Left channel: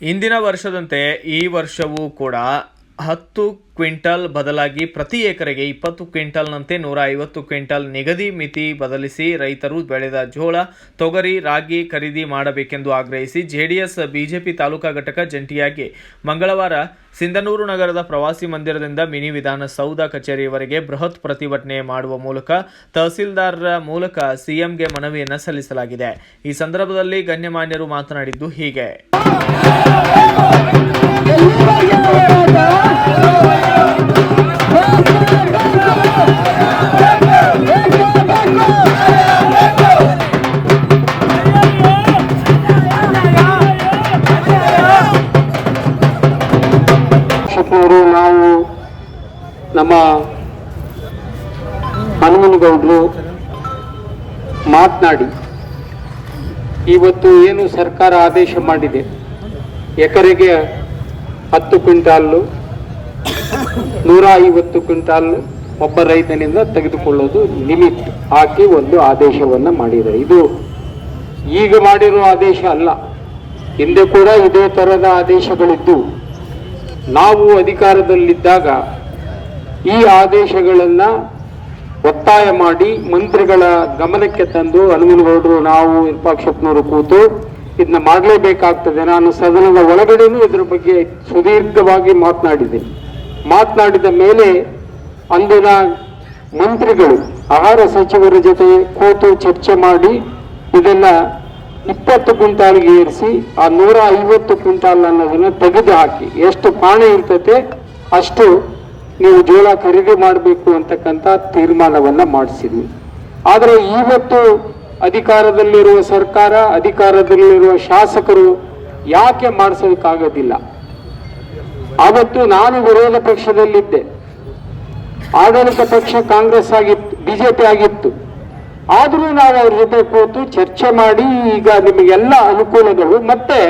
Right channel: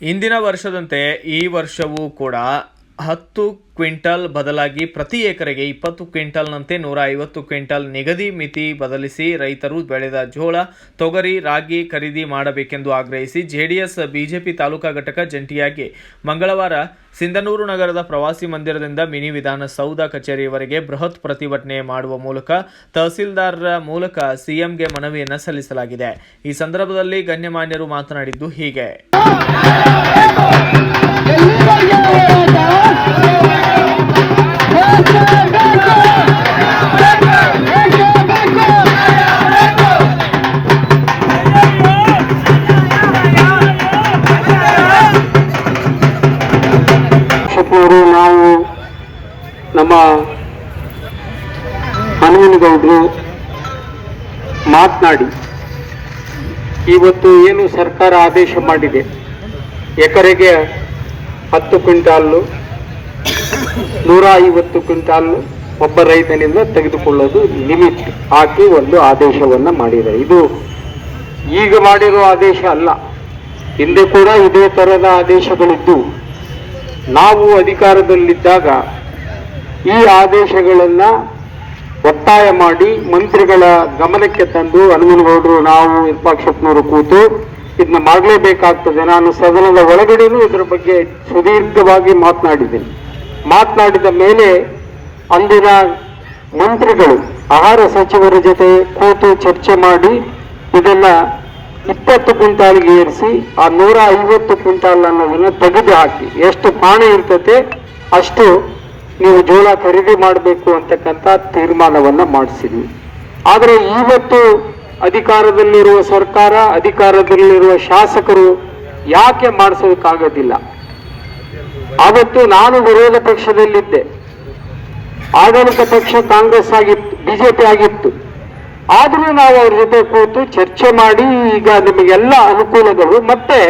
ಇಂದಿನ ವರ್ಷದಂತೆ ಈ ವರ್ಷವೂ ಕೂಡ 10 ಕ್ವಿಂಟಲ್ ಬದಲಾಗಿ ಪ್ರತಿ ಎಕರೆಗೆ 20 ಕ್ವಿಂಟಲ್ನಂತೆ 150 ಕ್ವಿಂಟಲ್ ನಿಗದಿ ಮಿತಿ ಬದಲಿಸಿ ರೈತರು ಬೆಳೆದ ಜೋಳ, ತೊಗರಿ, ರಾಗಿ ಖರೀದಿ ಮಾಡಬೇಕೆಂದು ಆಗ್ರಹಿಸಿ ಜೆಡಿಎಸ್ ಬಿಜೆಪಿ ತಾಲೂಕಾ ಘಟಕ ಜಂಟಿಯಾಗಿ ಮಂಗಳವಾರ ಸಿಂಧನೂರು ನಗರದ ಪ್ರವಾಸಿ ಮಂದಿರದಿಂದ ಮಿನಿ ವಿಧಾನಸೌಧ ಕಚೇರಿಯವರೆಗೆ ಬೃಹತ್ ಪ್ರತಿಭಟನೆ ಮಾಡುವ ಮೂಲಕ ತಹಸೀಲ್ದಾರರ ಮೂಲಕ ಸಿಎಂಗೆ ಮನವಿಯನ್ನು ಸಲ್ಲಿಸಲಾಗಿದೆ. ಈ ಸಂದರ್ಭದಲ್ಲಿ ಗಣ್ಯಮಾನ್ಯರು ಮಾತನಾಡಿದ್ದು ಹೀಗೆ. ನಾವು ನಮ್ಮ ಹನುಮನಗೌಡರು ಮಾತನಾಡಿ ಇವತ್ತು ಏನು ಸರ್ಕಾರ ಆದೇಶ ಮಾಡಿದೆ, ಎಕರೆಗೆ 10 ಕ್ವಿಂಟಾಲು 150 ಕ್ವಿಂಟಾಲು ಒಬ್ಬ ರೈತನಿಂದ ತೆಗೆದುಕೊಳ್ಳೋದು ಲಿಮಿಟ್ ಹಾಕಿ ಒಂದು ಆದೇಶವನ್ನು ಮಾಡಿದ್ದಾರೆ. ಇದು ಈಗ ಮಾಡಿರೋ ಆದೇಶ ಅಲ್ಲ, ಹಿಂದೆ ಕೂಡ ಇದೇ ಥರದ ಆದೇಶಗಳಿದ್ದು ನಾವು ಅಧಿಕಾರದಲ್ಲಿದ್ದಾಗ ಈ ಆದೇಶಗಳನ್ನು ಒತ್ತಾಯ ಮಾಡಿ ಮಂತ್ರಿಗಳ ಗಮನಕ್ಕೆ ತಂದು ಹನುಮನಗೌಡರು ನಾವು ವಿರೂಪಾಕ್ಷಪ್ಪನವರು ಕೂತು ಇದನ್ನ ಮಾಡಲೇಬೇಕಾಗ್ತದೆ. ನಾನು ಸದನದ ಒಳಗಡೆನೂ ಇದರ ಬಗ್ಗೆ ಸುದೀರ್ಘವಾಗಿ ಮಾತನಾಡಿದ ಮೇಲೆ ಅಂದಿನ ಮಂತ್ರಿಗಳು ಆಹಾರ ಸಚಿವರ ಜೊತೆ ಕೂತು ಚರ್ಚೆ ಮಾಡಿ ಇದನ್ನ 20 ಕ್ವಿಂಟಾಲ್ಗೆ ಏರಿಸಿ ಆ 150 ಕ್ವಿಂಟಾಲ್ ಅನ್ನೋದನ್ನ ತೆಗೆದು ಹಾಕಿ ಎಷ್ಟು ಪಾಣಿ ಇರ್ತತೆ ಅಷ್ಟು ನೀವು ಜೋಳ ಖರೀದಿ ಮಾಡಬೇಕು ಅಂತಕ್ಕಂಥ ತೀರ್ಮಾನವನ್ನ ಮಾಡಿಸಿದ್ವಿ. ಆದರೆ ಇವತ್ತು ಅಧಿಕಾರದಲ್ಲಿರುವ ಸರ್ಕಾರ, ಅಧಿಕಾರದಲ್ಲಿರುವ ಶಾಸಕರು ಯಾಕೆ ಮಾಡಿಸೋದಕ್ಕಾಗೋದಿಲ್ಲ? ಅವತ್ತು ನಾನು ವಿರೋಧ ಪಕ್ಷದಲ್ಲಿದ್ದೆ, ಆಡಳಿತ ಪಕ್ಷ ಕಾಂಗ್ರೆಸ್ ಆಗಿತ್ತು, ಬಿಜೆಪಿ ಆಗಿತ್ತು. ಆದರೂ ನಾವು ಅವ್ರ ಜೊತೆ ಕೂತು ಚರ್ಚೆ ಮಾಡಿ ಈಗ ನಿಮಗೆಲ್ಲ ಅನುಕೂಲಗಳು ಮತ್ತೆ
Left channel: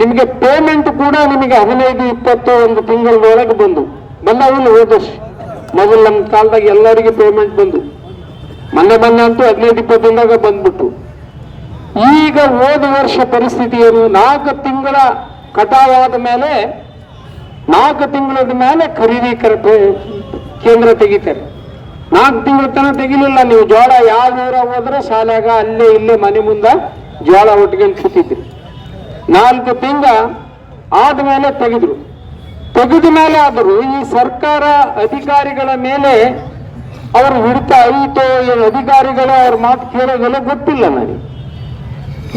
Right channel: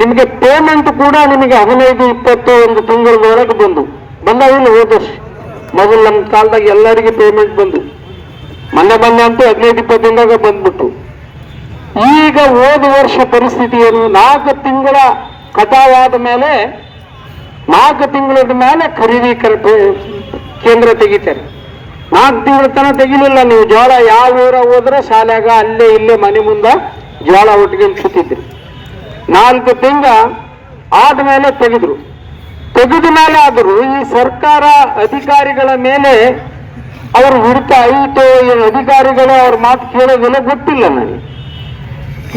ನಿಮಗೆ ಪೇಮೆಂಟ್ ಕೂಡ ನಿಮಗೆ 15-20 ಒಂದು ತಿಂಗಳೊಳಗೆ ಬಂದಾಗಿಲ್ಲ. ಹೋದಷ್ಟು ಮೊದಲು ನಮ್ಮ ಕಾಲದಾಗ ಎಲ್ಲರಿಗೆ ಪೇಮೆಂಟ್ ಮೊನ್ನೆ ಅಂತೂ 15-20 ದಿನದಾಗ ಬಂದ್ಬಿಟ್ಟು. ಈಗ ಹೋದ ವರ್ಷ ಪರಿಸ್ಥಿತಿ ಏನು? 4 ತಿಂಗಳ ಕಟಾವಾದ ಮೇಲೆ 4 ತಿಂಗಳದ ಮೇಲೆ ಖರೀದಿ ಕೇಂದ್ರ ತೆಗಿತಾರೆ. 4 ತಿಂಗಳ ತನಕ ತೆಗಿಲಿಲ್ಲ. ನೀವು ಜೋಳ ಯಾವ ಊರ ಹೋದ್ರೆ ಶಾಲೆಗ ಅಲ್ಲೇ ಇಲ್ಲೇ ಮನೆ ಮುಂದೆ ಜೋಳ ಒಟ್ಟಿಗೆ ಕೂತಿದ್ರಿ. 4 ತಿಂಗಳ ಆದ್ಮೇಲೆ ತೆಗೆದ ಮೇಲೆ ಆದರೂ ಈ ಸರ್ಕಾರ ಅಧಿಕಾರಿಗಳ ಮೇಲೆ ಅವರು ಹಿಡಿತ ಆಯಿತು, ಅಧಿಕಾರಿಗಳು ಅವ್ರ ಮಾತು ಕೇಳೋದೆಲ್ಲ ಗೊತ್ತಿಲ್ಲ ನನಗೆ.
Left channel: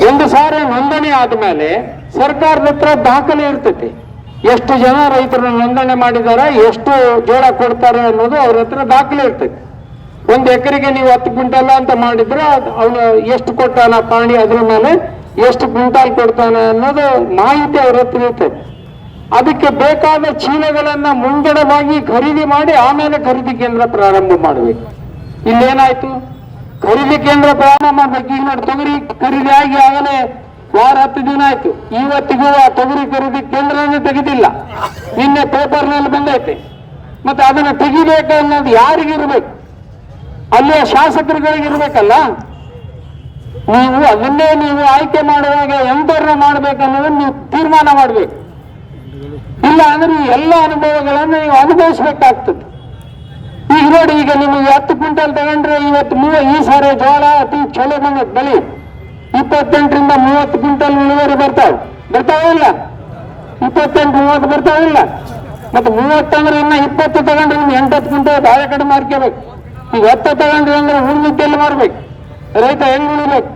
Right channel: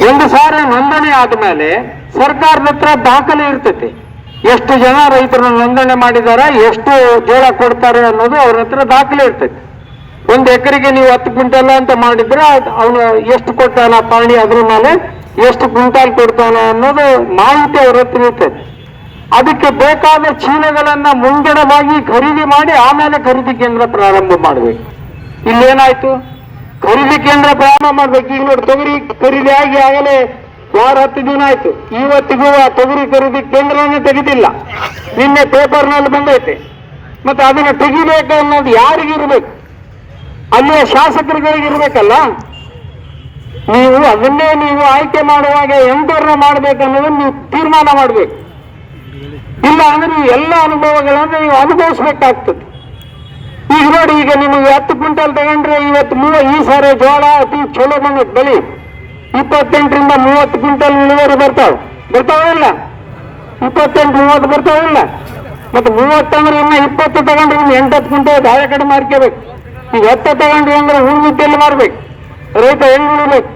ಒಂದು ಸಾರಿ ನೋಂದಣಿ ಆದ್ಮೇಲೆ ಸರ್ಕಾರದ ಹತ್ರ ದಾಖಲೆ ಇರ್ತೈತೆ, ಎಷ್ಟು ಜನ ರೈತರು ನೋಂದಣಿ ಮಾಡಿದ್ದಾರೆ, ಎಷ್ಟು ಜೋಳ ಕೊಡ್ತಾರೆ ಅನ್ನೋದು ಅವ್ರ ಹತ್ರ ದಾಖಲೆ ಇರ್ತೈತೆ. 1 ಎಕರೆಗೆ ನೀವು 10 ಕ್ವಿಂಟಲ್ ಅಂತ ಮಾಡಿದ್ರೆ ಅವನು ಎಷ್ಟು ಕೊಡ್ತಾನ ಪಾಣಿ, ಅದ್ರ ಮೇಲೆ ಎಷ್ಟು ಕ್ವಿಂಟಾಲ್ ಕೊಡ್ತಾನ ಅನ್ನೋದು ಮಾಹಿತಿ ಅವ್ರ ಹತ್ರ ಇರ್ತೈತೆ. ಅದಕ್ಕೆ ಬೇಕಾದ ಚೀಲಗಳನ್ನ ಮುಂಗಡವಾಗಿ ಖರೀದಿ ಮಾಡಿ ಆಮೇಲೆ ಖರೀದಿ ಕೇಂದ್ರ ಪ್ರಾರಂಭ ಮಾಡಬೇಕು. ಇಲ್ಲೇನಾಯ್ತು? ಖರೀದಿ ಕೇಂದ್ರ ಪ್ರಾರಂಭ ಮಾಡ್ಬೇಕು. ಈಗ ನೋಡಿ, ತೊಗರಿ ಖರೀದಿ ಆಗಿ ಆಗಲೇ 10 ದಿನ ಆಯ್ತು. ಇವತ್ತಿಗೂ ಆ ತೊಗರಿ ಖರೀದಿ ಕೇಂದ್ರನೇ ತೆಗೆದಿಲ್ಲ. ನಿನ್ನೆ ಪೇಪರ್ನಲ್ಲಿ ಬಂದೈತೆ. ಮತ್ತೆ ಅದನ್ನು ತೆಗಿಬೇಕು ಅನ್ನೋದು ಯಾರಿಗಿರ್ಬೇಕು? ಅಲ್ಲಿಯ ಶಾಸಕರುಗಳಿಗಿರ್ಬೇಕಲ್ಲ. ನೀವು ಅದನ್ನೇ ನೀವು ಆಯ್ಕೆ ಮಾಡುವಾಗ ಎಂಟರನ್ನ ಮಾಡ್ಬೇಕನ್ನೋದನ್ನ ನೀವು ತೀರ್ಮಾನ ಮಾಡಬೇಕು. ಇಲ್ಲ ಅಂದ್ರೆ ಎಲ್ಲ ಅನುಭವಗಳನ್ನು ನೀವು ಅನುಭವಿಸ್ಬೇಕಾಗ್ತದೆ. ಈಗ ನೋಡಿ, ಈಗ ನಿಮಗೆ 10 ಕ್ವಿಂಟಲ್ ತಗೊಂಡ್ರೆ ಇವತ್ತು ಈ ಸಾರಿ ಜೋಳ ಅತಿ ಚಲೋ ಬಂದೈತೆ. ಬಲಿ 28ರಿಂದ 30 ಕ್ವಿಂಟಲ್ ಇಳುವರಿ ಬರ್ತಾವಿಲ್ಲ? 28-30 ಬರ್ತಾವಿಲ್ಲ? ಮತ್ತೆ 30 ಅಂದ್ರೆ ಇನ್ನು 20 ತಗೊಂಡ್ರೆ ಇನ್ನು 8-10 ಕ್ವಿಂಟಲ್ ಆಯ ಕಡೆ ಮಾರ್ಕೋಬೇಕು. ಈಗ 10 ತಗೊಂಡ್ರಿ ಅಂದ್ರೆ ಉಳಿದಿದ್ದೆಲ್ಲ ಮಾರ್ಬೇಕು, ರೈತ ಹೆಂಗ್ ಉಳಿಬೇಕು?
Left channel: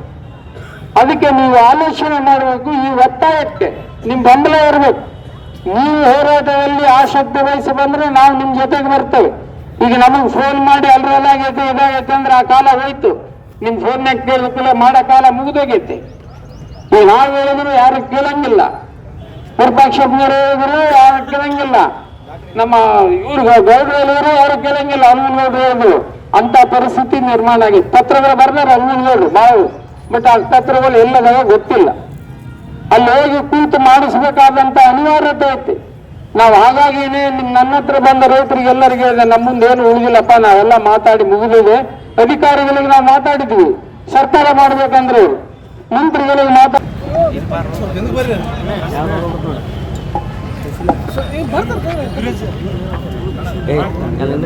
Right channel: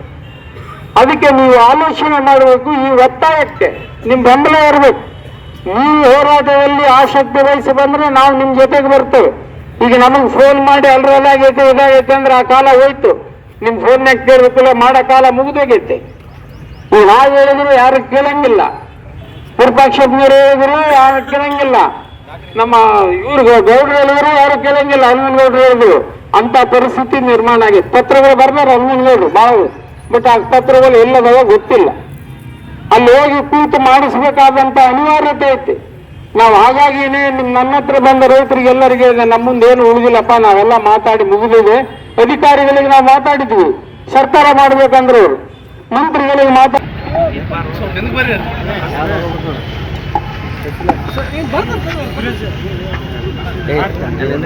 ಅದಕ್ಕೆ ನೀವು ಆಲೋಚನೆ ಮಾಡಬೇಕು. ಈ ಒತ್ತಾಯಕ್ಕೆ ನಿಮ್ ಬೆಂಬಲ ಇರಬೇಕು. ನೀವು ಹೋರಾಟದಲ್ಲಿ ಆಸಕ್ತಿ ವಹಿಸಿ ಬಂದ್ರೆ ನಾವು ನಿಮ್ ಜೊತೆಗೆ ಬರ್ತೇವೆ. ಈಗ ನಮಗೆ ಫೋನ್ ಮಾಡಿ ಅಲ್ರಲ್ಲಾಗೈತೆ ಇದಾಗೈತೆ ಅಂದ್ರೆ ಆ ಕಾಲ ಹೋಯ್ತು. ನಿಮ್ ಫೋನ್ಯಾಗ ಕೇಳಿದ್ರೆ ಮಾಡೋ ಕಾಲ ಮುಗಿದೋಗೈತೆ. ಈಗ ನಾವು ಹೇಳಿದ್ರು ಯಾರು ಕೇಳಂಗಿಲ್ಲ, ವಿರೂಪಾಕ್ಷಪ್ಪನವರು ಹೇಳಿದ್ರು ಯಾರು ಕೇಳಂಗಿಲ್ಲ, ನಮ್ಮ ಇವ್ರು ಗೌಡ್ರು ಯಾರು ಕೇಳಂಗಿಲ್ಲ, ಹನುಮನಗೌಡರು ಹೇಳಿದ್ರು. ಅಂತ ಪರಿಸ್ಥಿತಿ ನಿರ್ಮಾಣ ಆಗಿತ್ತು. ಪತ್ರಗಳು ಬರ್ದಾರೆ ಹನುಮನಗೌಡರು ಭಾಳ, ಬಟ್ ಆ ಪತ್ರಗಳು ಎಲ್ಲದವ ಗೊತ್ತಿಲ್ಲ. ಅಲ್ಲಿ ಹೋಗಿ ಕೂತು ಮಾಡಿಸ್ಬೇಕಾದಂತ ಅನಿವಾರ್ಯತೆ ಐತಿ. ನಾವು ಹಾಗಾಗಿನೇ ನನ್ನ ಹತ್ರ ಬಂದ ರೈತರಿಗೆಲ್ಲರಿಗೆ ನಮ್ಮ ಮುಂದೆ ಏನು ಉಳಿದಿಲ್ಲಪ್ಪ, ನಾವೆಲ್ಲ ಮಾತಾಡಿ ಮುಗಿದಿದೆ. ಅಧಿಕಾರಿಗಳಿಗೆ ನಾವು ಮಾತಾಡಿದ್ವಿ, ಸರ್ಕಾರ ಮಾಡ್ಬೇಕಂದ್ರೆ ಮಂತ್ರಿಗಳಿಗೆ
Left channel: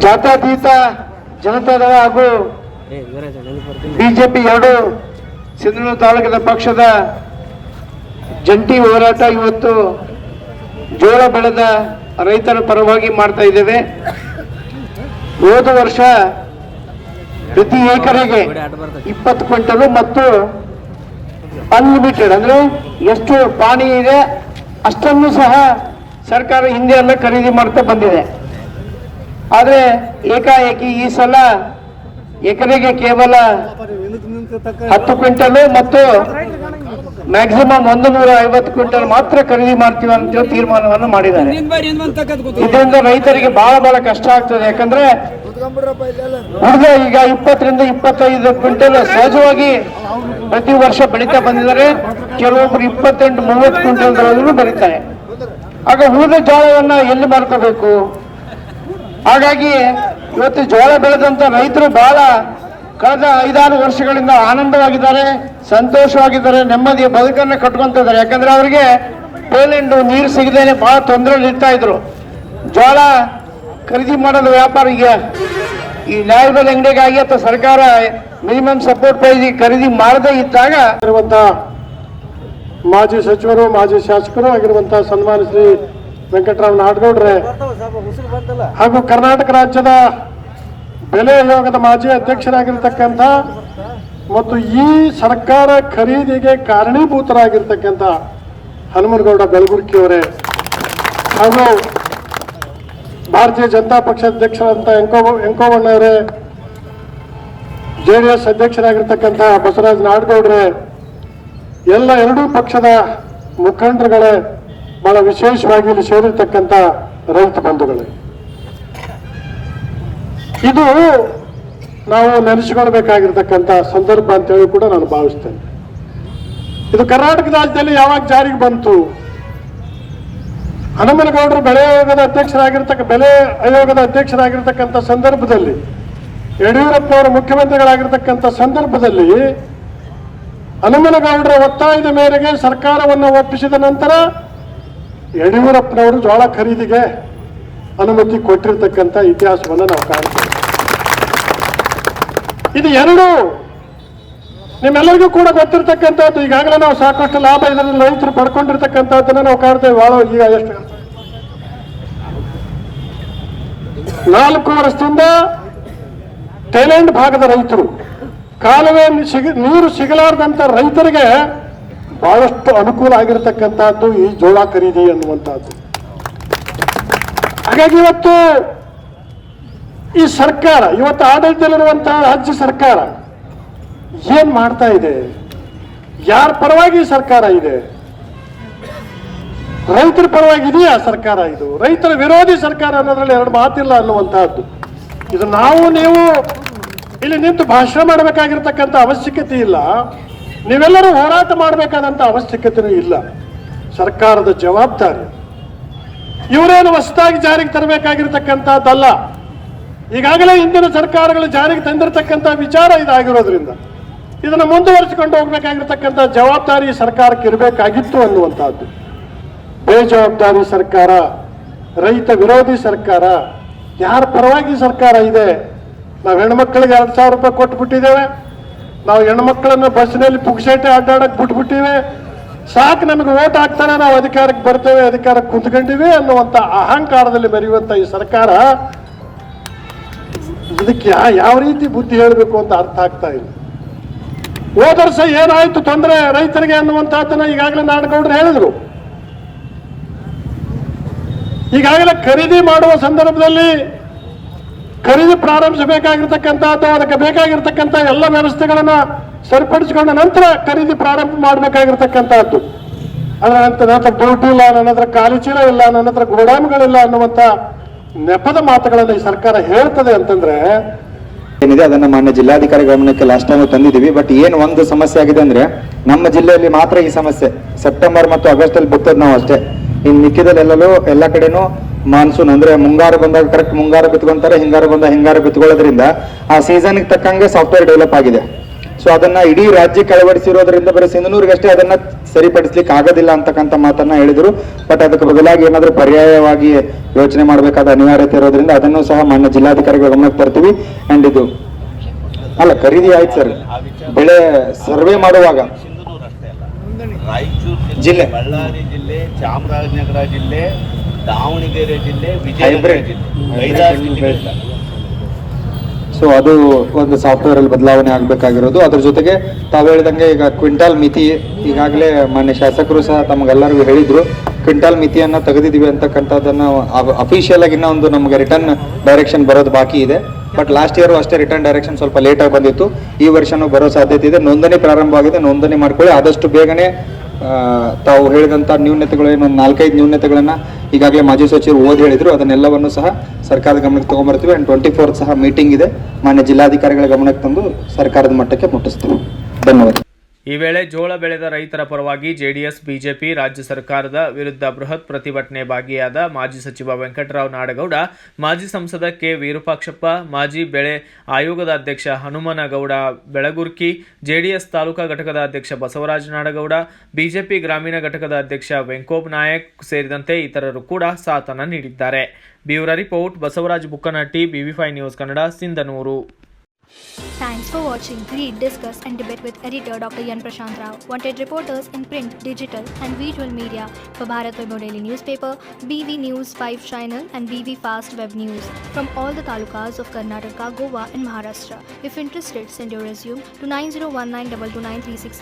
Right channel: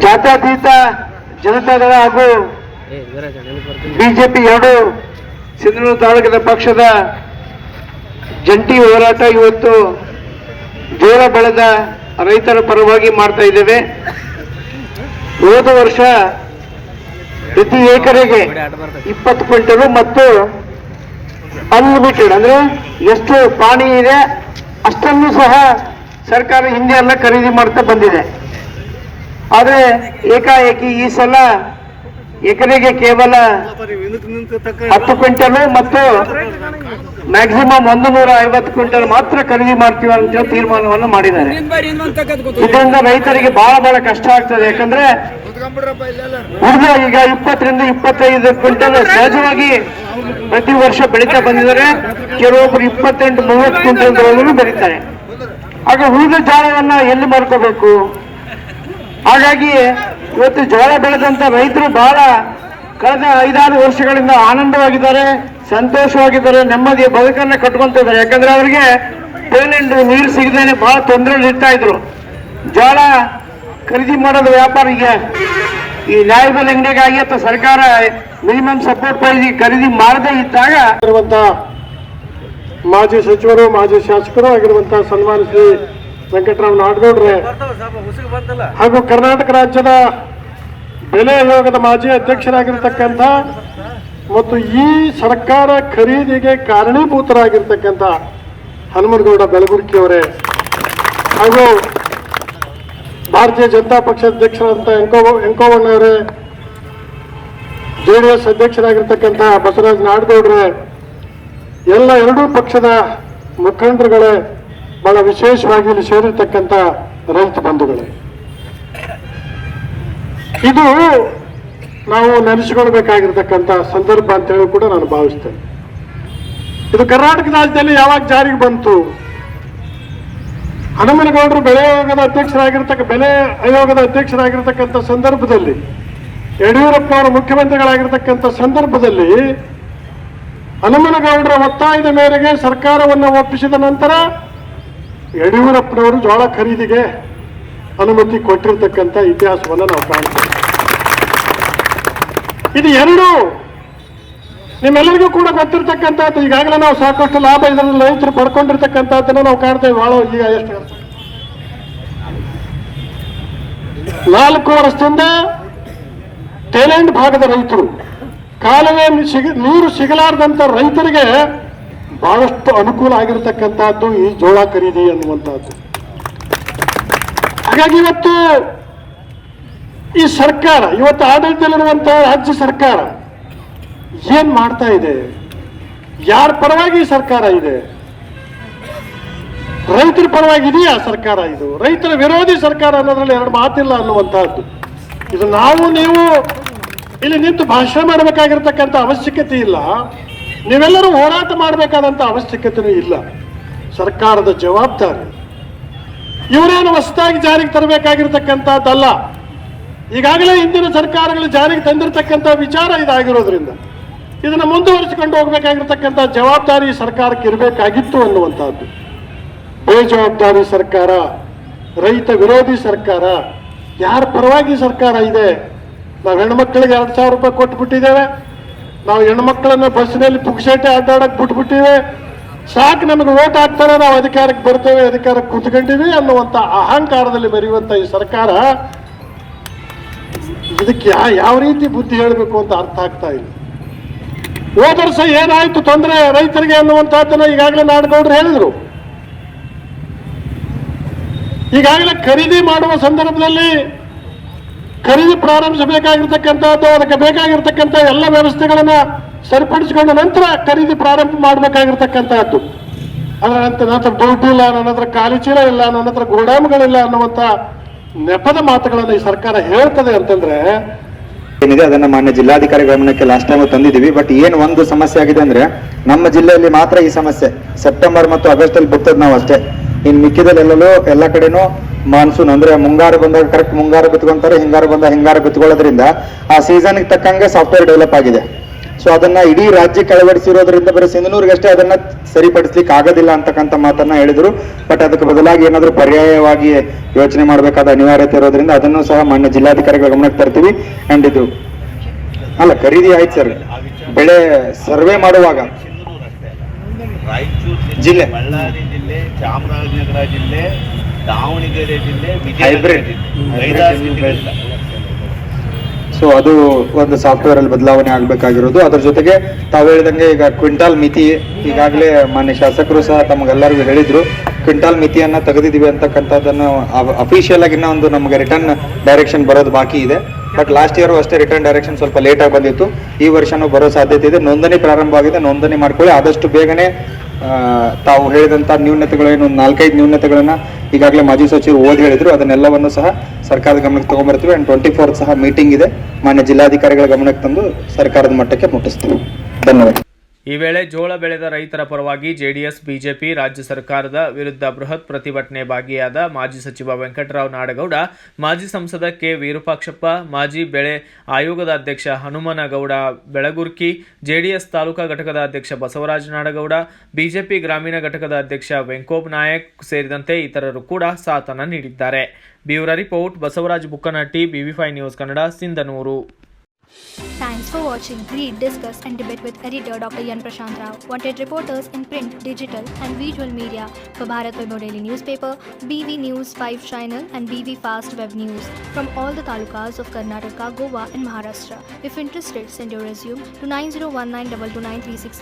ಜಾತ್ಯತೀತ ಜನತಾದಳ ಹಾಗೂ ಬಿಜೆಪಿ ಎರಡು ಸಿಂಧನೂರು ತಾಲೂಕಿನ ಪಕ್ಷದ ಜಂಟಿ ಹೋರಾಟ ಇವತ್ತು ಜೋಳ ಬೆಳೆದ ರೈತರ ಪರವಾಗಿ ಮಾಡ್ತಾ ಇದ್ದೇವೆ. ಹೋದ ವರ್ಷ ಪ್ರತಿ ಎಕರೆಗೆ 20 ಕ್ವಿಂಟಲ್ ಮತ್ತು ಅನ್ಲಿಮಿಟೆಡ್ ಅಂದ್ರೆ ಎಷ್ಟು ಪಾಣಿ ಇದೆ ಅಷ್ಟನ್ನು ಸಹ ಸರ್ಕಾರ ಹಿಂದೆ ಎಲ್ಲ ಖರೀದಿ ಮಾಡ್ತಾ ಬಂದಿದೆ. ಆದರೆ ಏಕಾಏಕಿ ಈ ಸಲ ಎಕರೆಗೆ ಕೇವಲ 10 ಕ್ವಿಂಟಲ್ ಮತ್ತು ಮ್ಯಾಕ್ಸಿಮಮ್ 150 ಕ್ವಿಂಟಲ್ ಮಾತ್ರ ಖರೀದಿ ಮಾಡ್ತೀವಿ ಅಂತ ತೀರ್ಮಾನವನ್ನು ಮಾಡಿದ್ದಾರೆ. ಇದರಿಂದ ರೈತರಿಗೆ ಬಹಳ ಕಷ್ಟ ಆಗ್ತದೆ. ಯಾಕಂದ್ರೆ ಉಳಿದ ಈಗ 20ರಿಂದ 25 ಕ್ವಿಂಟಲ್ ಸಹಜವಾಗಿ ಪ್ರತಿ ವರ್ಷ ಬೆಳೀತಾ ಬಂದಿದ್ದಾರೆ. ಕೆಲವೊಬ್ರು 28-30 ಕ್ವಿಂಟಲ್ವರೆಗೂ ಬೆಳೀತಾರೆ. ಆಗ ಉಳಿದ ಜೋಳವನ್ನ ಎಲ್ಲಿ ಮಾಡ್ಕೋಬೇಕು? ಹಾಗಾಗಿ ಇವತ್ತು ಜೋಳ ಬೆಳೆದಂತ ರೈತರು ಬಹಳ ಕಳೆದ 5-6 ವರ್ಷಗಳಿಂದ ಆನಂದವಾಗಿದ್ದಾರೆ, ಸಂತೋಷವಾಗಿದ್ದಾರೆ, ನೆಮ್ಮದಿಯ ಬದುಕನ್ನ ಕಟ್ಕೊಂತಿದ್ದಾರೆ. ಯಾಕಂದ್ರೆ ಅವರಿಗೆ ಪೇಲೆಂಡು ನೀರು ಸಿಗದೇನೆ ಬಹಳ ತೊಂದರೆ ಇರ್ತಾ ಇದ್ರು. ಜೋಳ ಖರೀದಿ ಮಾಡೋದು ವ್ಯಾಪಾರಿಗೆ ಈ ನ್ಯಾಯಬೆಲೆ ಅಂಗಡಿಗಾಗಿ ಅಥವಾ ಸರ್ಕಾರ ಮಿನಿಮಮ್ ಸಪೋರ್ಟ್ ಪ್ರೈಸ್ ಖರೀದಿ ಮಾಡದೇ ಇದ್ದಾಗ ಮಾಜಿ ಸಚಿವರು, ಮಾಜಿ ಶಾಸಕರು ಆಗಿರುವಂತಹ ಸನ್ಮಾನ ಶ್ರೀ ವೆಂಕಟರಾವ್ ನಾಡಗೌಡ್ರೆ ಹಾಗೂ ಕರ್ನಾಟಕ ರಾಜ್ಯದ ಬೆಲೆ ಆಯೋಗದ ಮಾಜಿ ಅಧ್ಯಕ್ಷರಾಗಿರ್ತಕ್ಕಂಥ ಮತ್ತು ಈ ಸರ್ಕಾರ ಖರೀದಿಗೆ ಕಾರಣೀಭೂತರಾಗಿರ್ತಕ್ಕಂಥ ಹನುಮನಗೌಡ ಬೆಳಗುರ್ಕಿಯವರೇ ಹಾಗೂ ಭಾರತೀಯ ಜನತಾ ಪಕ್ಷದ ಅಧ್ಯಕ್ಷರಾದಂಥ ವೆಂಕವ್ವಣ್ಣವರೇ, ಜೆಡಿಎಸ್ ಅಧ್ಯಕ್ಷರಾಗಿರ್ತಕ್ಕಂಥ ಬಸವರಾಜ ನಾಡಗೌಡ್ರೆ, ಎಲ್ಲ ಎರಡೂ ಪಕ್ಷದ ಮುಖಂಡರುಗಳೇ, ಬಹಳ ವಿಶೇಷವಾಗಿ ಇಲ್ಲಿ ಸೇರಿರ್ತಕ್ಕಂಥ ರೈತ ಬಂಧುಗಳೇ, ಇದು ನಾವು ನೆನೆಸಿಕೊಳ್ಬೇಕಾಗಿರ್ತಕ್ಕಂಥ ಸಂದರ್ಭ ಅಂತ ಹೇಳಿ ಕೂಡ ನಾನು ಭಾವಿಸ್ತೇನೆ. ಇದು ಕರ್ನಾಟಕ ರಾಜ್ಯದಲ್ಲಿ ಯಾವಾಗ ಜಾರಿಗೆ ಬಂತು? ಹನುಮನಗೌಡರು ಬೆಲೆ ಆಯೋಗದ ಅಧ್ಯಕ್ಷರಾಗಿರ್ತಕ್ಕಂಥ ಸಂದರ್ಭದಲ್ಲಿ, ಯಡಿಯೂರಪ್ಪನವರು ಮುಖ್ಯಮಂತ್ರಿಗಳಾಗಿರ್ತಕ್ಕಂಥ ಸಂದರ್ಭದಲ್ಲಿ ಹನುಮನಗೌಡರ ಒತ್ತಾಯದ ಮೇರೆಗೆ ಸರ್ಕಾರವನ್ನು ಒಪ್ಪಿಸಿದ ನಂತರ ಯಡಿಯೂರಪ್ಪನವರು ಜೋಳ ಖರೀದಿಗೆ ಅನುಮತಿ ಕೊಟ್ಟಿರ್ತಕ್ಕಂಥ ಇತಿಹಾಸವನ್ನು ನಾವು ಕಾಣ್ತೇವೆ. ಇದು ಎರಡು ನಿಮ್ಮೆಲ್ಲರಿಗೂ ಕೂಡ ಗೊತ್ತಿರ್ತಕ್ಕಂಥದ್ದು. ಈಗಾಗಲೇ ನಾವು ಸಾಕಷ್ಟು ಲಾಭ ಇದರಲ್ಲಿ ರೈತರು ಪಡ್ಕೊಂಡಿರ್ತಕ್ಕಂಥದ್ದನ್ನು ನಾವು ಕಾಣ್ತೇವೆ. ಬಹಳ ಈಗ ಎಷ್ಟು 4 ವರ್ಷದಿಂದ ಥೈಲ್ಯಾಂಡ್ ಭಾಗದ ರೈತರು, ಕಾಲುವೆ ನೀರು ಸಿಗಲಾರದಂತ ರೈತರಿಗೆ ಬಹಳಷ್ಟು ಅನುಕೂಲ ಆಗಿರತಕ್ಕಂಥದ್ದು ಈ ಜೋಳ ಖರೀದಿ ಅನ್ನುವಂಥದ್ದು. ಹಾಗಾಗಿ ಇವತ್ತು ಈ ಸರ್ಕಾರ, ಇವತ್ತು ಆಡಳಿತದಲ್ಲಿರುವಂತಹ ರಾಜ್ಯ ಸರ್ಕಾರ ಏನ್ ಮಾಡ್ತಾ ಇದೆ? ಯಾರ ಪರವಾಗಿ ಸರ್ಕಾರ ಇದೆ? ರೈತರ ಪರವಾಗಿ ಇದೆಯಾ ಸರ್ಕಾರ? ಇದು ರೈತರ ವಿರೋಧಿ ಸರ್ಕಾರ ಅನ್ನೋದ್ರಲ್ಲಿ ಎರಡು ಮಾತಿಲ್ಲ ಅನ್ನುವಂತಹದ್ದು. ಇದು ನೀವು ಇಲ್ಲಿ ನಿಂತು ಭಾಷಣ ಮಾಡಬೇಕಾಗಿರ್ತಕ್ಕಂಥ ಅವಶ್ಯಕತೆ ಇಲ್ಲ. ನೀವೆಲ್ಲರೂ ಹೋರಾಟ ಮಾಡಬೇಕಾದಂತ ಅವಶ್ಯಕತೆಯೂ ಇಲ್ಲ. ಸರ್ಕಾರದ ಜವಾಬ್ದಾರಿ. ಇವರೇನು ಹೊಸದಾಗಿ ಜಾರಿಗೆ ತರಬೇಕಾಗಿರ್ತಕ್ಕಂಥದ್ದಲ್ಲ. ಈಗಾಗಲೇ ಹಿಂದಿನ ಸರ್ಕಾರಗಳು ಜಾರಿಗೆ ತಂದಿರತಕ್ಕಂಥ ವಿಚಾರ ಇದಾಗಿರೋದ್ರಿಂದ ಇದನ್ನು ಮುಂದುವರಿಸಿಕೊಂಡು ಹೋಗಬೇಕಾಗಿರ್ತಕ್ಕಂಥ ಜವಾಬ್ದಾರಿ ಸರ್ಕಾರಕ್ಕೆ ಇರಬೇಕಾಗಿತ್ತು ಅನ್ನುವಂಥದ್ದು. ಬೇಜವಾಬ್ದಾರಿ ಸರ್ಕಾರ, ರೈತ ವಿರೋಧಿ ಸರ್ಕಾರ, ಯಾರ ಪರವಾಗಿ ಸರ್ಕಾರ ಇದೆ? ನಾವು ಹೆಣ್ಮಕ್ಳಿಗೆ 2,000 ರೂಪಾಯಿ ಕೊಟ್ಬಿಟ್ಟಿದ್ದೇವೆ. ನಾವು ಹೆಣ್ಮಕ್ಳನ್ನು ಬಸ್ನಲ್ಲಿ ಪುಕ್ಸೇಟೆ ಅಡ್ಡಾಡಕ್ಕೆ ಬಿಟ್ಬಿಟ್ಟಿವೆ. ಸಾಕು, ನಮಗೆ ಓಟ್ ಹಾಕ್ತಾರೆ, ನಾವು ಅಧಿಕಾರಕ್ಕೆ ಬರ್ತೇವೆ, ಅಧಿಕಾರಕ್ಕೆ ಕುತ್ಕೊಂಡಿವಿ ಅನ್ನುವಂಥ ಅಹಂಕಾರದಲ್ಲಿ ಬರೆಯುವಂಥ ಈ ಸರ್ಕಾರ ಇದಕ್ಕೆ ಯಾವ ರೀತಿ ಬುದ್ಧಿ ಹೇಳಬೇಕು ಅಂತ ಅರ್ಥ ಆಗ್ತಾ ಇಲ್ಲ. ಹೋದ ವರ್ಷ ಏನಾಯ್ತು ತೊಂದರೆ ರೈತರಿಗೆ ಅನ್ನುವಂಥದ್ದನ್ನ ಈಗಾಗಲೇ ನಾಡಗೌಡರು ಹೇಳಿದ್ರು. ಈಗಾಗಲೇ ಖರೀದಿ ಮಾಡುವ ಸಂದರ್ಭದಲ್ಲಿ ಖರೀದಿ ಪ್ರಾರಂಭಿಸಬೇಕಾಗಿರ್ತಕ್ಕಂಥದ್ದು, ಅದಕ್ಕೆ ಬೇಕಾಗಿರ್ತಕ್ಕಂಥ ಎಲ್ಲ ವ್ಯವಸ್ಥೆಗಳನ್ನ ಸರಿಪಡಿಸಿಕೊಂಡ ನಂತರ ಖರೀದಿ ಪ್ರಾರಂಭ ಮಾಡಬೇಕಾಗಿರ್ತಕ್ಕಂಥದ್ದು. ಅದರ ನಂತರ ದುಡ್ಡು ಇಲ್ಲ, ನನ್ನ ಹತ್ರ ಖಾಲಿ ಚೀಲ ಇಲ್ಲ, ನನ್ನ ಹತ್ರ ಗೋಡಾಮುಗಳಿಲ್ಲ ಅನ್ನುವಂಥ ನೆಪದ ಮಾತುಗಳನ್ನು ಈ ಸರ್ಕಾರ ಹೇಳ್ತದೆ ಅಂತಂದ್ರೆ ಏನಿದೆ ಅದನ್ನ ಮಾನ್ಯ ಜಿಲ್ಲಾಧಿಕಾರಿ ಗಮನಕ್ಕೆ ಲಾಸ್ಟ್ ಟೈಮ್ ತಂದಿದ್ದೀವಿ. ಬಟ್ ಏನು ಒಂದು ಸಮಸ್ಯೆ ಆಗಿದೆ ಅಂದ್ರೆ ನಮ್ಮ ಜಿಲ್ಲೆಯಲ್ಲಿ ಮಾತ್ರ ಈ ಸಮಸ್ಯೆ. ಸೆಪ್ಟೆಂಬರ್ ಮತ್ತು ಆಗಸ್ಟ್ ಅಲ್ಲಿ ಬಿತ್ತದ್ ನಾವು ಅಷ್ಟೇ. ಇನ್ನು ಮಿಕ್ಕಿದಲ್ಲೆಲ್ಲೂ ಎಲ್ಲ ಕಡೆನೂ ಮಾನ್ಸೂನ್ ಅಂದ್ರೆ ಮುಂಗಾರು ಬಂದಾಗ ಕರೆಕ್ಟ್ ಮುಂಗಾರು ಬಿತ್ಕೊಂತಾರೆ, ಹಿಂಗಾರು ಬಂದಾಗ ಹಿಂಗಾರು ಬಿತ್ಕೊಳ್ಳೋದ್ರಿಂದ ಆ ಸೀಸನ್ಗೆ ತಕ್ಕಂಗೆ ಸಾಫ್ಟ್ವೇರ್ ಡೆವಲಪ್ ಆಗಿದೆ. ಸೊ ಅದನ್ನ ಇಡೀ ರಾಜ್ಯಕ್ಕೆ ಅಳವಡಿಸಿರೋದ್ರಿಂದ ಬರೀ ಸಿಂಧನೂರಿಗಷ್ಟೇ ಅದನ್ನ ಸರಿಪಡಿಸ್ಲಿಕ್ಕೆ ಆಗೋದಿಲ್ಲ ಅಂತಕ್ಕಂಥ ಮಾತನ್ನ ಹೇಳಿದ್ರು. ಬಟ್ ಅದಕ್ಕೆ ಬದಲಾಗಿ ಏನಾದರೂ ಪರ್ಯಾಯವಾಗಿ ಯೋಚನೆ ಮಾಡಬೇಕಾದ ಅನಿವಾರ್ಯತೆ ಇರೋದ್ರಿಂದ ಅದನ್ನು ಸಹ ಮಾನ್ಯ ಜಿಲ್ಲಾಧಿಕಾರಿಗಳ ಗಮನಕ್ಕೆ ತರ್ತೀವಿ. ಅಂಡ್ ಇದು ಅಲ್ಲ ಖರೀದಿ ಆಯ್ತು ಸರ್, ಬೆಳೆ ಸರ್ವೆ ಮಾಡುವಾಗ ರಾಯಚೂರು ಜಿಲ್ಲೆ, ಬಳ್ಳಾರಿ ಜಿಲ್ಲೆ, ಚಾಮರಾಜನಗರ ಜಿಲ್ಲೆ, ದಾವಣಗೆರೆ ಜಿಲ್ಲೆ, ಹೈಬ್ರಿಡ್ ವಿಜಯನಗರ ಸೊ ಅದು ಒಂದು ಸಾಫ್ಟ್ವೇರ್ ಅಲ್ಲಿ ಬದಲಾವಣೆ ಆಗಬೇಕಾಗಿರೋದು. ಅದ್ರ ಜೊತೆಗೆ ತಾವು ಹೇಳಿದಂಗೆ ಈಗ ಕ್ವಿಂಟಾಲ್ ಮಿತಿ ಈಗಾಗಲೇ ಮಾನ್ಯ ಶಾಸಕರು ಸಹ ತಮಗೆಲ್ಲರಿಗೂ ಹೇಳಿದ್ರು, ಕ್ವಿಂಟಾಲ್ ಮಿತಿಯನ್ನ ತೆಗೆದಿದ್ದೀವಿ ಅಂತಕ್ಕಂಥದ್ದನ್ನು ಅಫಿಷಿಯಲ್ ಆಗಿ ಒಂದು ನಮಗೆ ರಿಟರ್ನ್ ಡೈರೆಕ್ಷನ್ ಬರೋದು ಬಾಕಿ ಇದೆ. ಬಟ್ ಲಾಸ್ಟ್ ಇಯರ್ ಅಷ್ಟೇ ರಿಟರ್ನ್ ಡೈರೆಕ್ಷನ್ ಸ್ವಲ್ಪ ಲೇಟ್ ಆಗಿ ಬಂದಿತ್ತು. ಈ ವರ್ಷನೂ ಬರೋ ಸಾಧ್ಯತೆ ಇದೆ. ನೋಂದಣಿ ಪ್ರಾರಂಭವಾಗಿದೆ, ನೋಂದಣಿ ಮಾಡ್ಕೊಳ್ಳಿ. ಆದಷ್ಟು ಬೇಗನೆ ತಾವು ಹೇಳಿದಂಥ ನ್ಯೂನತೆಗಳೇನು ಒಂದು 4-5 ನ್ಯೂನತೆಗಳನ್ನ ಈಗಾಗಲೇ ಮಾಜಿ ಸಚಿವರು ಓದಿ ಹೇಳಿದ್ರು, ಅದನ್ನೆಲ್ಲವನ್ನು ಸಹ ಸರ್ಕಾರದ ಗಮನಕ್ಕೆ ತಗೊಂಡ್ಬರ್ತೀವಿ. ಅಂಡ್ 24 ಸಹ ಮೀಟಿಂಗ್ ಇದೆ, ಮಾನ್ಯ ಜಿಲ್ಲಾಧಿಕಾರಿಗಳ ಗಮನಕ್ಕೆ ತಂದು ಸರ್ಕಾರದ ಮಟ್ಟಕ್ಕೆ ಮುಟ್ಟಿಸ್ತೀವಿ. ಧನ್ಯವಾದ. ಈ ವೇಳೆ ಜೋಳ ಬೆಳೆದ ರೈತರ ಪರವಾಗಿ ಜೆಡಿಎಸ್, ಬಿಜೆಪಿ, ರಾಜ್ಯ ಸರ್ಕಾರದ ವಿರುದ್ಧ ಬೃಹತ್ ಪ್ರತಿಭಟನೆ ಭಾಗಿಯಾದ ಮಾಜಿ ಸಚಿವ ವೆಂಕಟರಾವ್ ನಾಡಗೌಡ, ಮಾಜಿ ಸಂಸದ ಕೆ ವಿರೂಪಾಕ್ಷಪ್ಪ, ಮಾಜಿ ಬೆಳೆ ಆಯೋಗದ ಅಧ್ಯಕ್ಷ ಹನುಮನಗೌಡ ಬೆಳಗುರ್ಕಿ, ಜೆಡಿಎಸ್ ತಾಲೂಕಾ ಘಟಕದ ಅಧ್ಯಕ್ಷ ಬಸವರಾಜ ನಾಡಗೌಡ, ಬಿಜೆಪಿ ಗ್ರಾಮೀಣ ಘಟಕದ ಅಧ್ಯಕ್ಷ ವೆಂಕೋಬ್ ನಾಯಕ್ ಸೇರಿದಂತೆ ಇತರರು ಕೂಡ ಸಾಥನ್ನ ನೀಡಿದ್ದಾರೆ. Bureau report, Basavaraja Bukkanahatti, BV5 news Kannada, Sindhanur. Thanks for watching. Read, discuss and debate with editor Dr. Yan Prashant Rao. Wanted reporters in print, digital and visual media for Bharat Vaibhav Daily Newspaper, BV News 5 Channel and BV Fast Web News from all the talukas of Karnataka, Goa and Maharashtra. If interested, send your resume to 9019229369.